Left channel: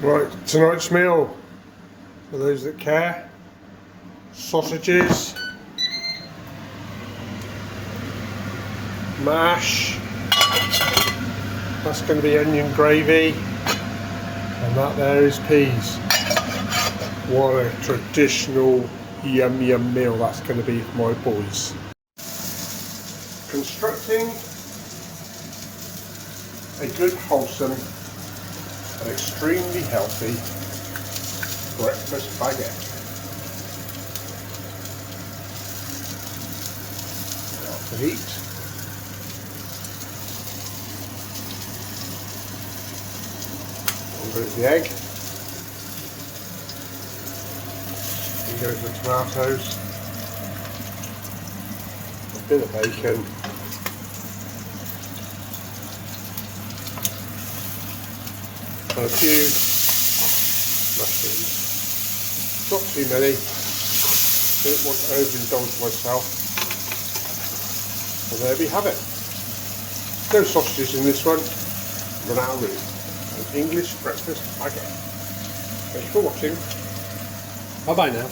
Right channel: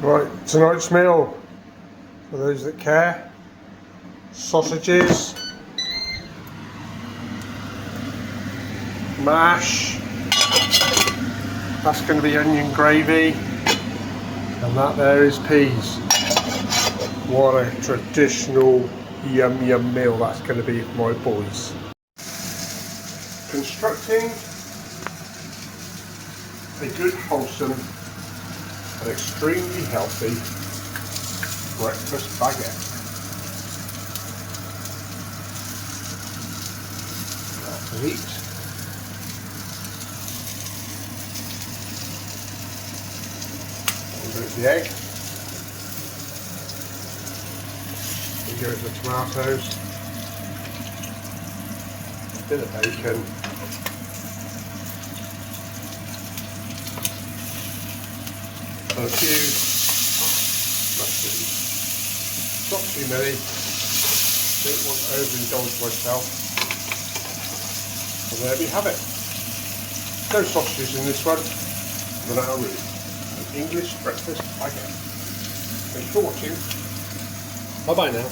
Right, tonight's meal, for those that care, sausages, mash, that's going to be onion gravy, and that there is peas. What a traditional yum yum meal that's going to be for my boys. Constructing a good, wholesome and extremely healthy breakfast baguette. Start to heat. And there's the egg. And goes the tomatoes. A bit of bacon. And a few mushrooms. Not too many. Don't want to overindulge myself. And there we have it. No sausages in this one. Run out of room. An English breakfast baguette. Thanks for watching. Bye bye now.